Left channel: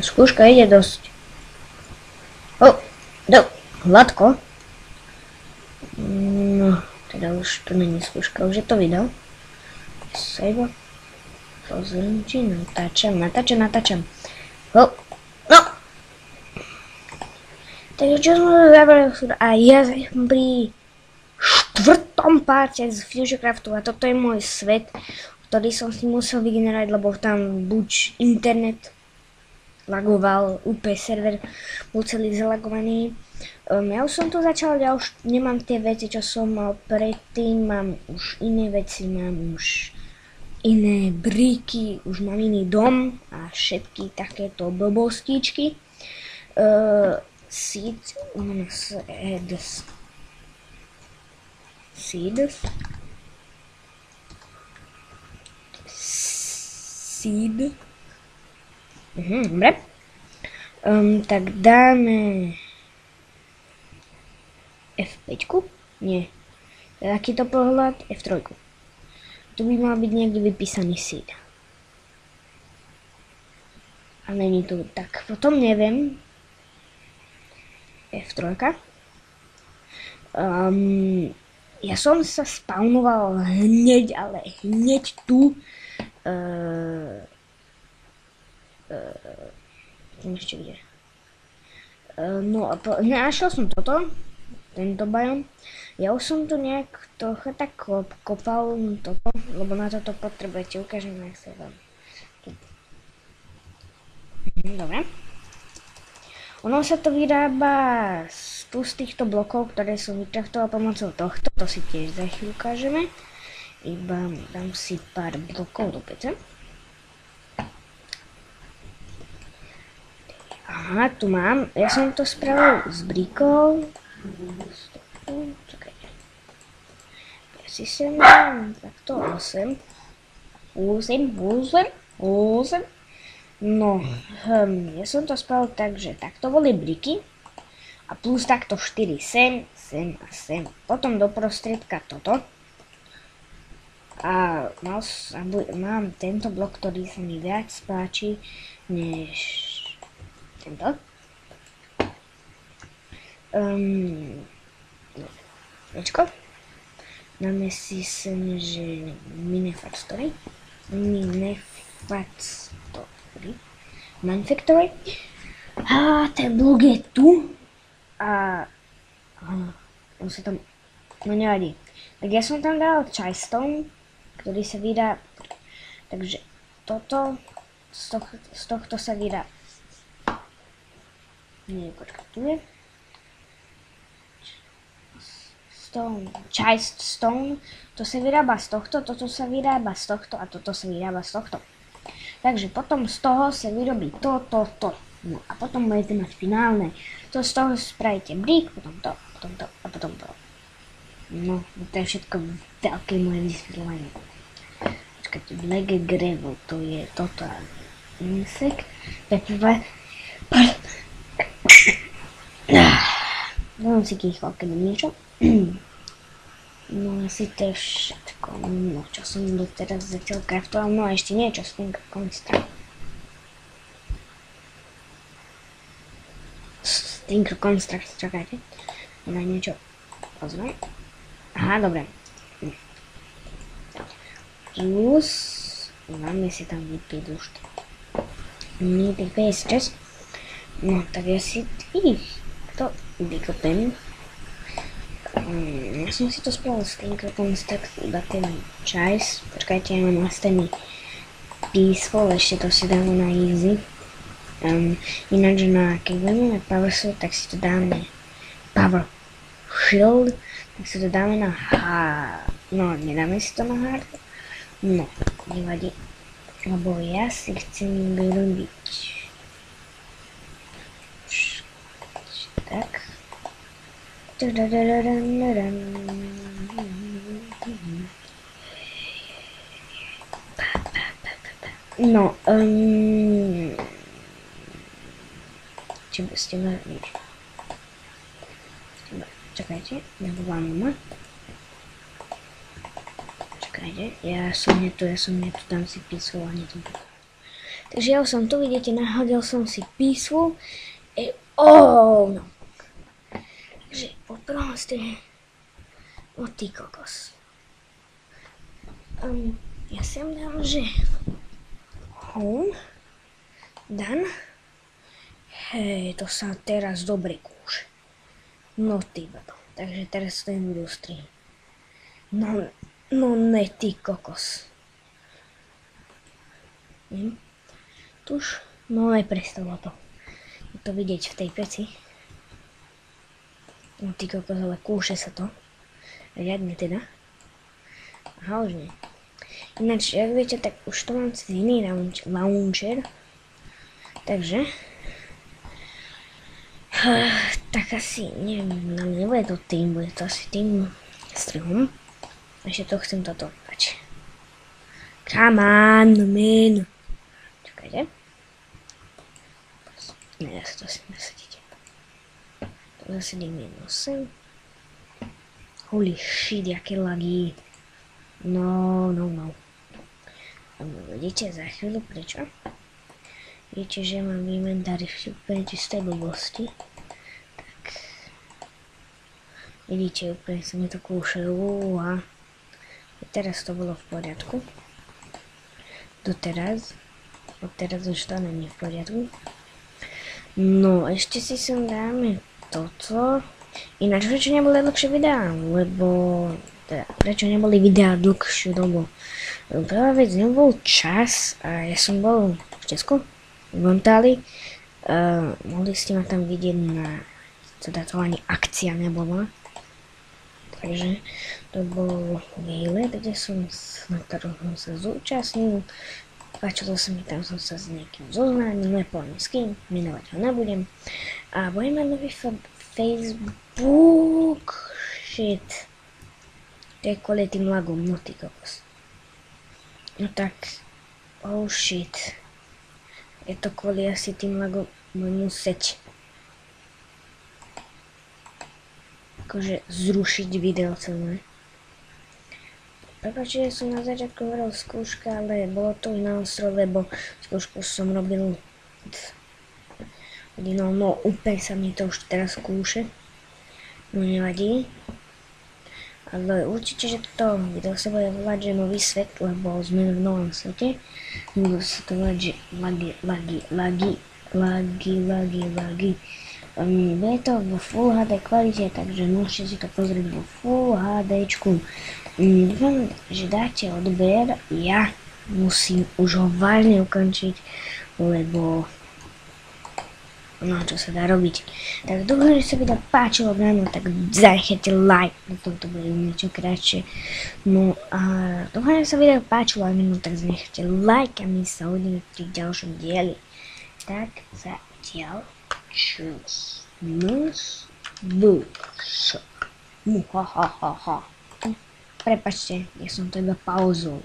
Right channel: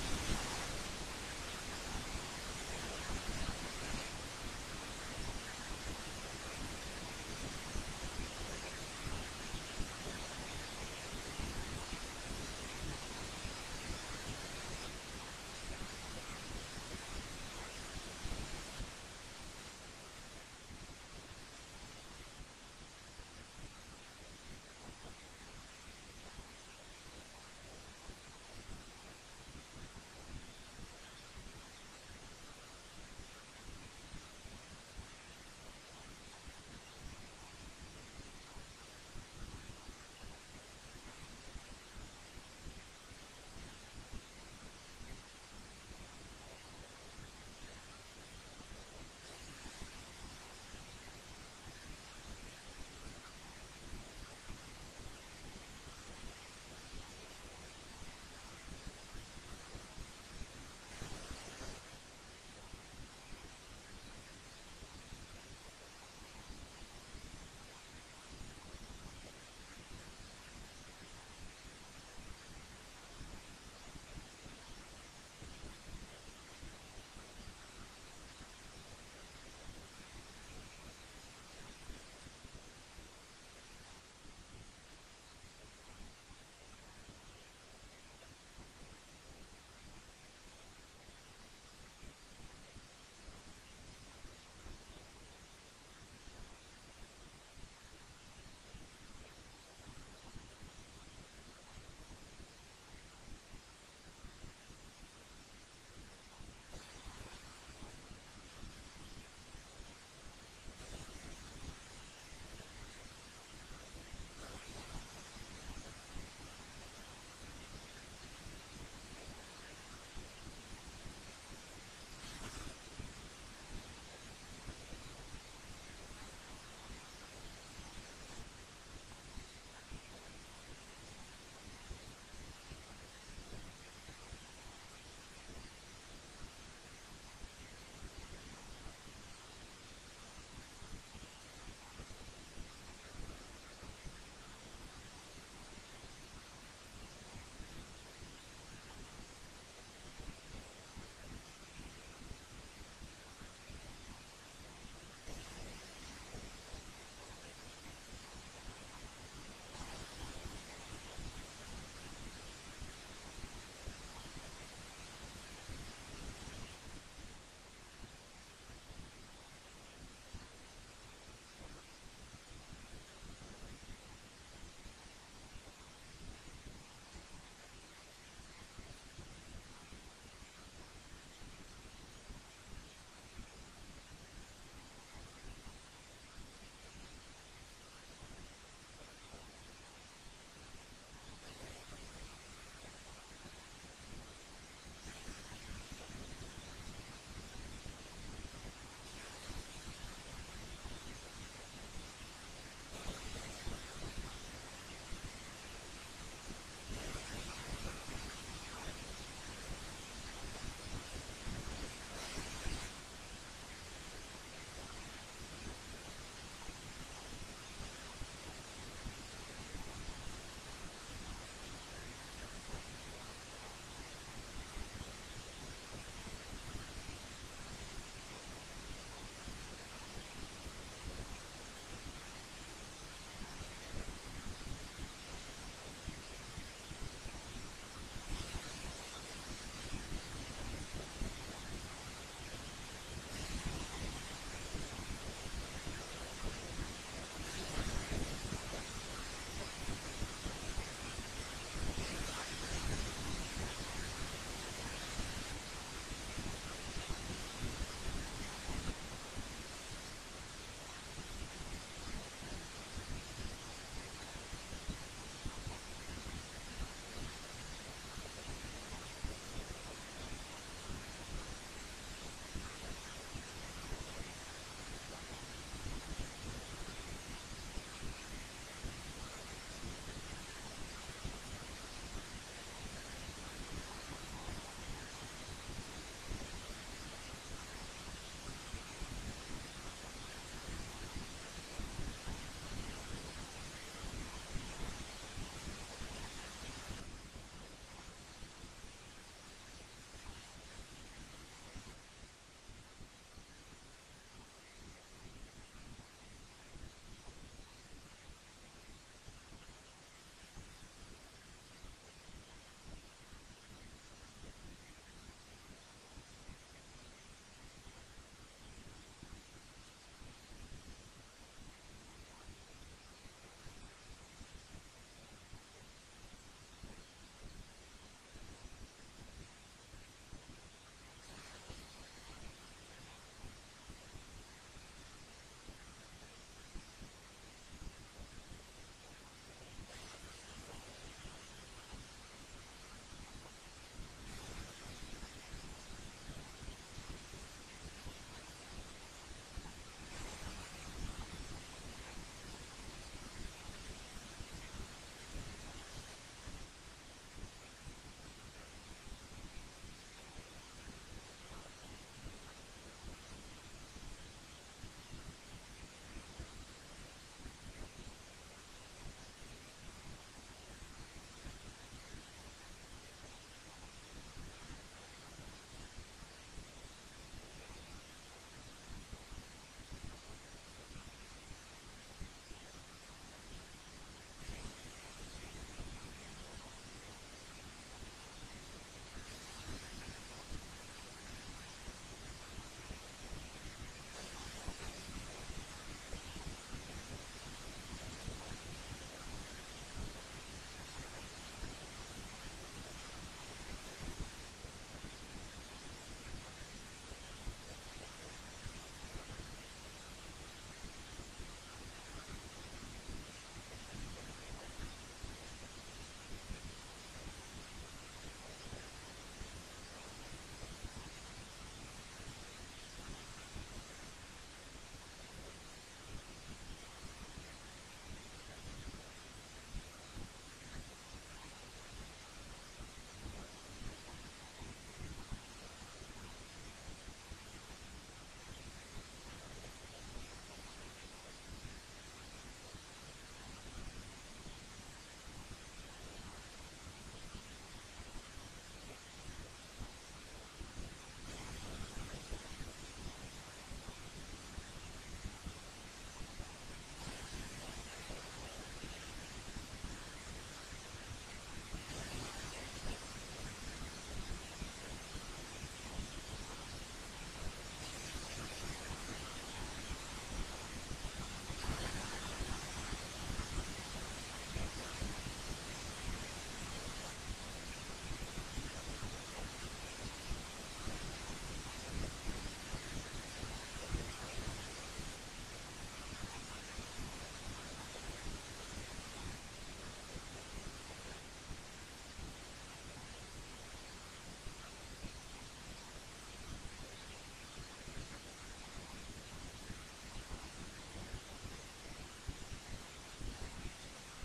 Skúška ide dosť. Hladko. No, teda už to není skúška, už je to video. Save. Rozhodnutí, natáčam. No. Takže čo sme zabrali a ja som pri štvrtom páte z Fusionkraftu a toto je môj svet, ktorý som si musel vygenerovať, lebo tam buď internet lagoval, UP server bol celý zalagovaný. Ja už som to začal, ja už nemám tie veci, čo som mal predtým, mám už iné veci, mám už iné briky, už mám iný dom a všetky takéto blbostičky. Seeds. Dobre. Tak dáme F5. Nie. Takýto pohľad F3. Tu by mal byť niekde vypísaný seed. A není tu. Tak potom neviem. F3. Ja som sa spawnoval hneď, ale hneď tu. Ešte kde. No a našiel som toto. Tento biom. Ja už som tu nejak trocha tak kopal toto, lebo na toto potrebujete, ukážem jak sa vám. Dobre. Ono sa to vyrába z týchto blokov, ktoré som vytrachtoval pomocou tohto, to si tiež za chvíľu ukážeme. Iba dám si pár blokov do pece. Aha, tu mám, ja som to spravil s brikou. Čakajte. Ja si sem dám takto 8. No, ja som to spravil tak, že takto boli briky a plus takto 4 sem a sem. Potom do prostriedka toto. A mám tento blok, ktorý sa mi viac páči než tento. Počko. Dáme si sem, že Minefactory. Manufactory. A ten blok je tu. A on sa tam, no nevadí. Tak ja som tam dal Chystone, ktorý sa vydá, takže toto, z tohto sa vydá, nie, počkaj, tu je, Chystone, to sa vyrába z tohto, toto sa vyrába z tohto a toto sa vyrába z tohto. Takže potom z toho sa vyrobí to. No a potom budete mať finálne. To z toho spravíte brick, potom to a potom to. No, to je všetko veľké moje vysvetľovanie. Počkajte, Black Gravel, to je toto a insekt. Dám si kýchval, keď niečo. No asi to je všetko, no čo som doteraz zatiaľ craftoval, no a ešte niečo s tým Construct, čakajte, na niečo pozriem. Aha, dobre. Plus, dáme si tam vypiť už to. Need paste. No, tak ja si to vykopem. Ja som si to spravil s tým Construct, iba ten čajs. Počkajte, ja mám nastavený peaceful, ešte to si dáme na easy. Ináč keď budeme na Power Sword, tak si to dáme Power Shield, tak si to dáme na hard. No, nedáme si to na hard. No, nevadí, lebo ja si chcem vyrobiť. Tak. No, čakajte, nevoláme ma. Čakajte, ja som nie tu, dám si písovanie. Takže ja som tu, vidíte, nahodil som si písvu. Oh, no. Takže poproste. O ty kokos. Ja sem dám, že home. Dan. Hej, to sa teraz dobre kúše. No ty babo. Takže teraz to budú strihnúť. No ne ty kokos. Tuž, no aj prestalo to. Je to vidieť v tej peci. No ty kokos, ale kúše sa to. Riadne teda. Aha, už nie. Ináč, jak viete, tak už to mám cez iný launcher. Takže. Tak asi, neviem, nebude to tým, bude to asi tým strihom. Ešte to chcem toto pať. Come on, man. Čakajte. Ne, ja sa to asi nasadíte. To zasadím jedno sem. Holy shit, jaké lagy. No. Vidíte za chvíľu, prečo? Vidíte, že mám v inventári úplne čisté blbosti. Tak. Vidíte, úplne sa mi to kúše. A teraz to bolo v poriadku. Doteraz. Odteraz už to není v poriadku. No, ešte si sem dáme toto. Ináč, prečo neboli dlhšie videá? Lebo... Teda, prečo neboli videá dlhšiu dobu? Prvá vec, nebol čas a ja som bol v Česku, v Montali. Mohli ste ma tam vidieť na... Teda to ani akcia nebola. Takže to bol výlet, kde na ktorom som sa zúčastnil. Páčilo sa mi, tam som sa s niekým zoznámil, nepoviem s kým, menovať ho nebudem. A budem mať nový Facebook. Shit. To je kvôli tým lagom, no ty kokos. No tak, oh shit. Je to kvôli asi tým lagom, budem musieť akože zrušiť video celé. Prepáčte, že som na začiatku hovoril skúška, ale bolo to na ostro, lebo skúšku som robil hodinou, no úplne sa mi to už teraz skúše. No nevadí. Ale určite, že toto video sa bude volať, že nový svet, lebo sme v novom svete. Budú sa to volať, že lagy. Bude to vo Full HD kvalite, takže môžete si to pozrieť vo Full HDčku. Dúfam, že dáte odber, ja musím už ho vážne ukončiť, lebo no, čo sa dá robiť. Tak dúfam, že sa video páčilo, tak zanechajte like, lebo to bude niečo kratšie. No a dúfam, že sa video páčilo, tak zanechajte like a my sa uvidíme pri ďalšom dieli. Tak zatiaľ, čus. Muhahaha. Prepačte, ja som to iba pauzol.